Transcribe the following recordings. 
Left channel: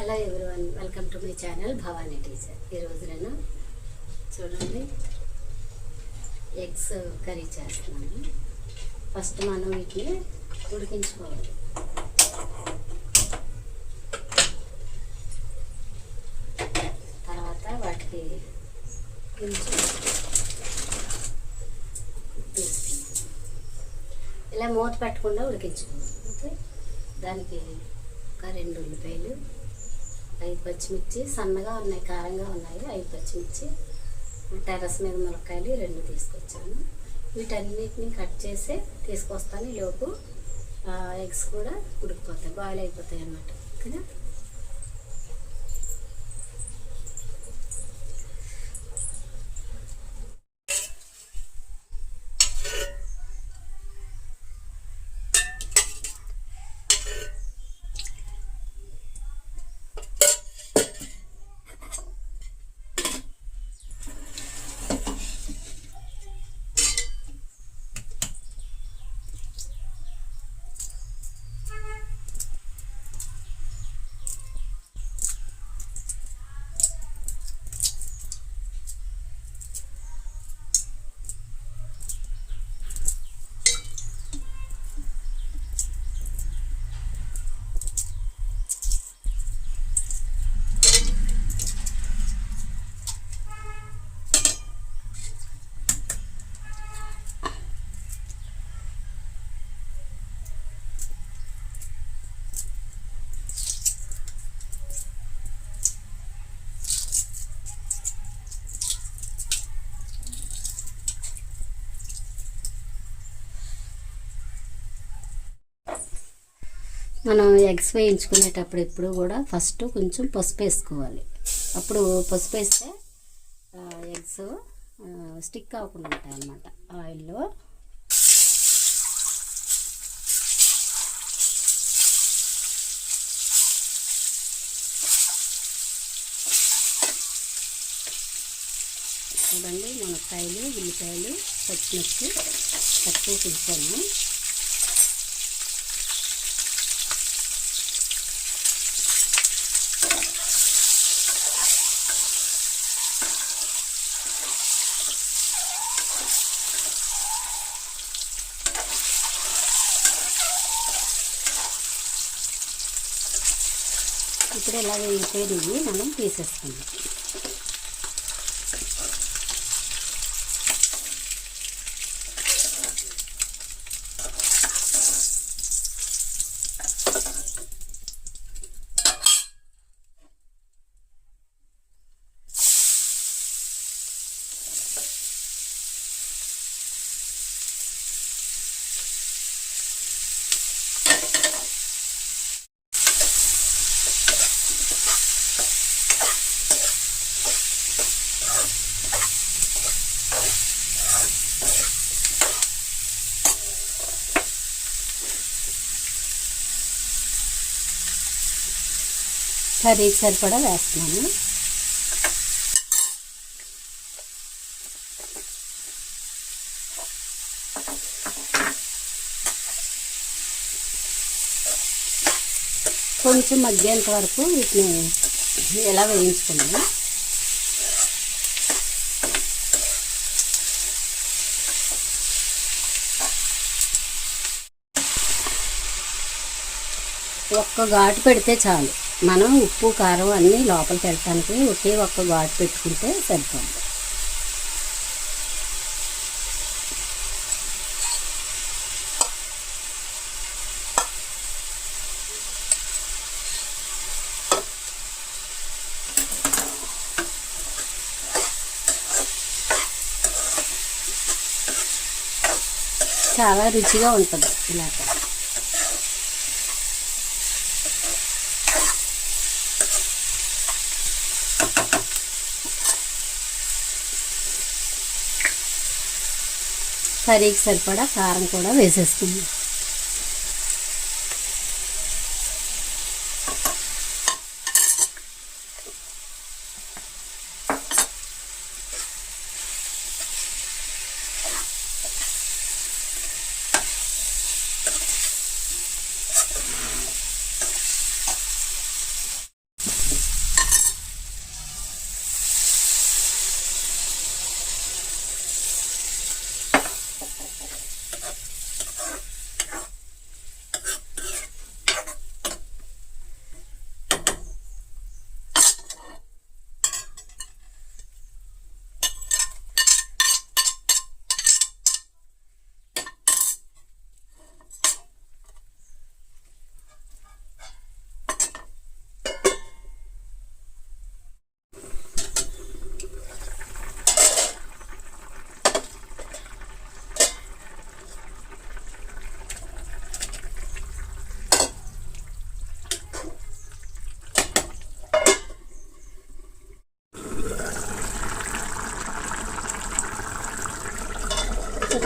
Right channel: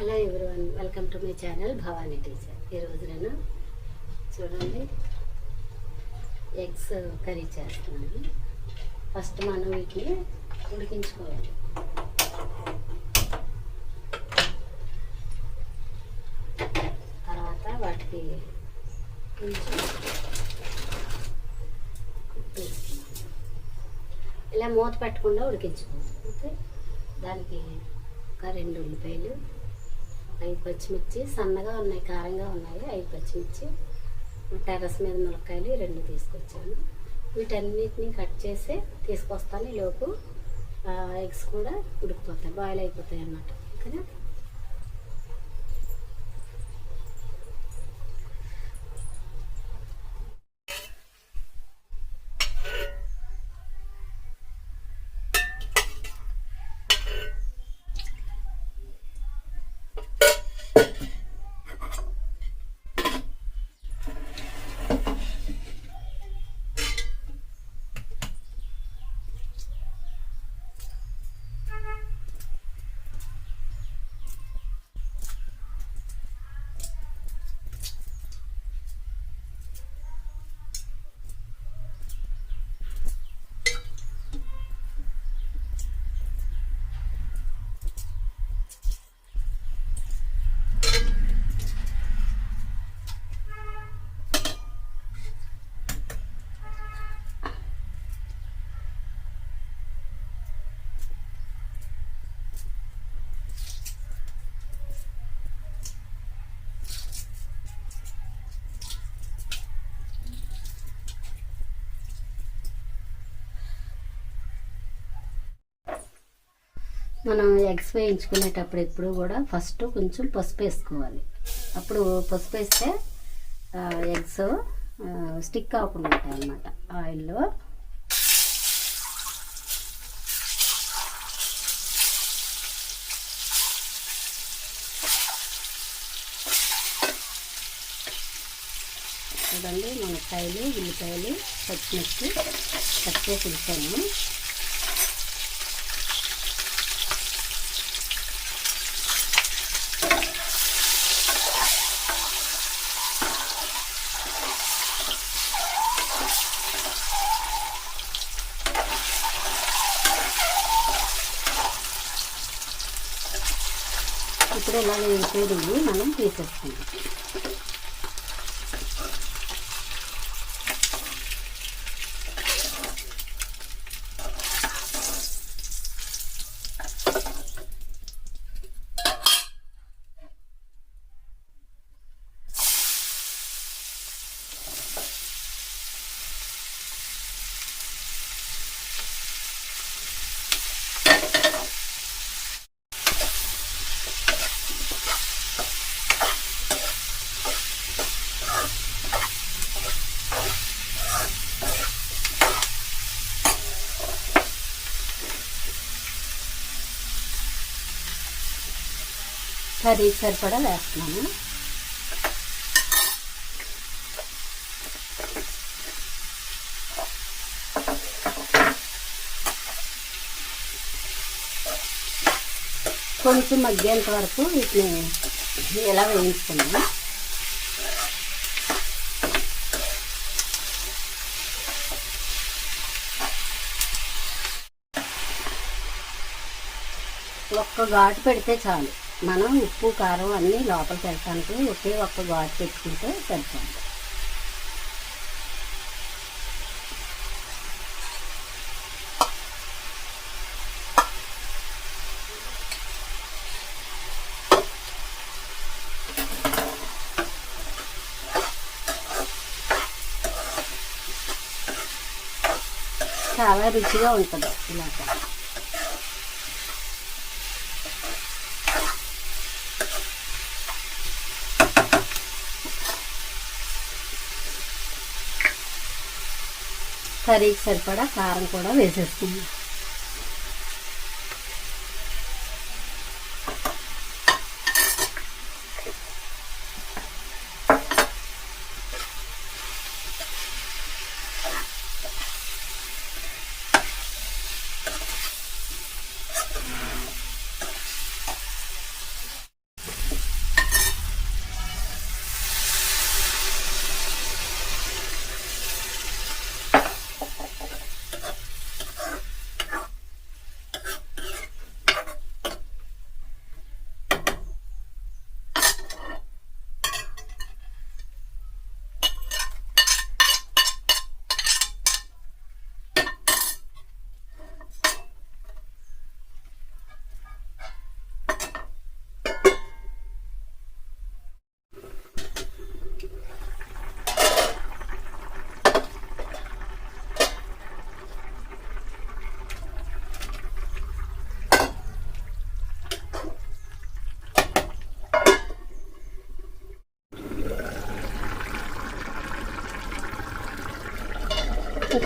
Hello everyone, welcome to my channel Bhavani teacher. ఈరోజు నేను చూడండి ఎగ్స్ కర్రీ చేస్తున్నాను. ఫస్ట్ మనం వీటిని ఉడికించుకోవాలి. తర్వాత వాటికి కొంచెం ఇలా మూత పెట్టకుండా ఉడికించుకోవాలి. ఓకే, దానికి ఒక 2 ఉల్లిపాయలు, 5 పచ్చిమిర్చి, సన్నగా ఉన్నాయి, కారంగా ఉన్నాయి 5 పచ్చిమిర్చి, టెర్రస్ మీద ములక్కాయలు 2 తీసుకొచ్చాను. వీటన్నిటిని కట్ చేసి తీసుకొస్తాను. ఈ లోపు ఎగ్స్ కూడా ఉడికిపోతాయి, బాయిల్ అయిపోతాయి అన్నమాట. ఓకేనా? మనం ఎగ్స్ వేయించుకునేటప్పుడు ఎప్పుడు కూడా ఫస్ట్ కొంచెం పసుపు వేసుకోవాలి. అప్పుడు పసుపు వేస్తే ఎగ్స్ స్టిక్ అవ్వకుండా ఉంటాయి అన్నమాట ఆయిల్లో. చూడండి, మునక్కాయలు, ఉల్లిపాయలు, పచ్చిమిర్చి కట్ చేసి ఉంచాను. ఇప్పుడు ఇలా వేసేది మనం తీసేసుకుందాం. కర్రీకి సరిపడా వేస్తున్నాను. కొంచెం మగ్గేంత వరకు వీటిని ఇలా వేయించుకున్నాను. ఒక్క ఘాటు పెడితే చాలు. మనం ఉప్పు కారం అన్నీ లోపలికి వెళ్ళటానికి ఒకే ఒక్క ఘాటు పెట్టుకుంటే సరిపోతుంది. చాలా రుచిగా ఉంటుంది ఇలా. కర్రీకి సరిపడా కారం కూడా వేసేసుకుందాం.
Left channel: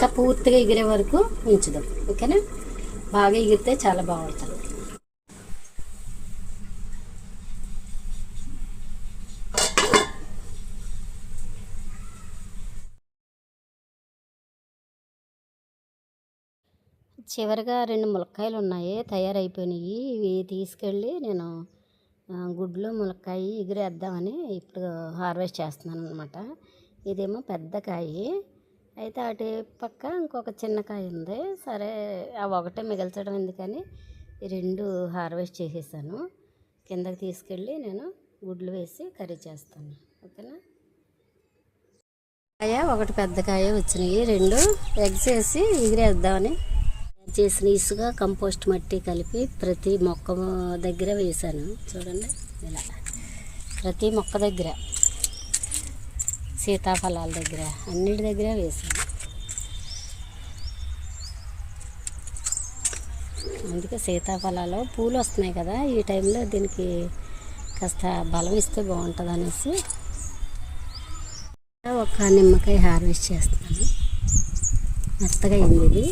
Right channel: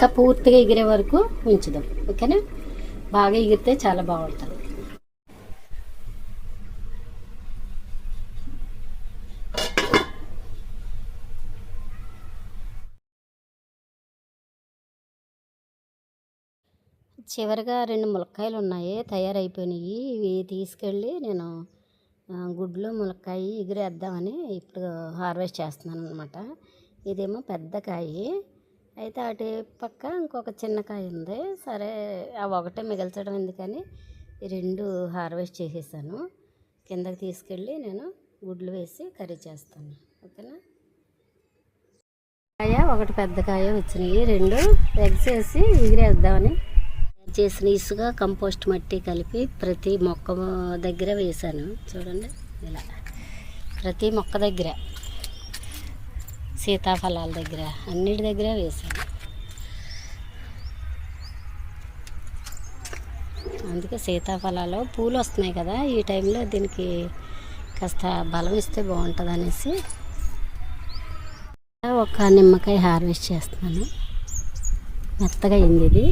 ఇంకా పూర్తిగా ఎగిరే వరకు ఉంచుదాం. ఓకేనా? బాగా ఎగిరితే చాలా బాగుంటుంది. చివరిగా 2 ములక్కాయలు ఉన్నాయి, తయారైపోయినాయి. ఇవి తీసుకెళ్ళి నేను గుడ్లు ములక్కాయ ఎగిరేద్దామని ఇప్పుడు హార్వెస్ట్ చేస్తున్నాను అనమాట. ఇదేమో పెద్ద కాయ, అయితే అటు పక్క ఇంకొక చిన్న కాయ ఉంది. సరే ఆ ఒకటే మిగల్చడం ఎందుకని ఈ 2 హార్వెస్ట్ చేసేసాను. కిందకి తీసుకెళ్ళి నేను గుడ్లు వేసి కర్రీ చేస్తాను. ఓకేనా? కాయ ఒకటి పెద్ద కాయ వచ్చినాయి, 2 ఎగ్స్ వేసి ఎగిరేద్దామని చేసిన ఇసుక కంపోస్ట్ మట్టి కలిపి ప్రతి మొక్క దగ్గర వేసాను. చూడండి, ఇలా ప్రతి మొక్క దగ్గర, సీతాఫలాల దగ్గర, అన్నిటి దగ్గర వేసాను. అందుకే సీతాఫలాలు పూలు వస్తున్నాయి కదా, ఈ టైంలో దీనికి కాస్త బలం ఇస్తే బాగుంటుంది అనేసి ఒక నిమ్మకాయ హార్వెస్ట్ చేస్తున్నాను. మెత్తగా అయింది ఇది.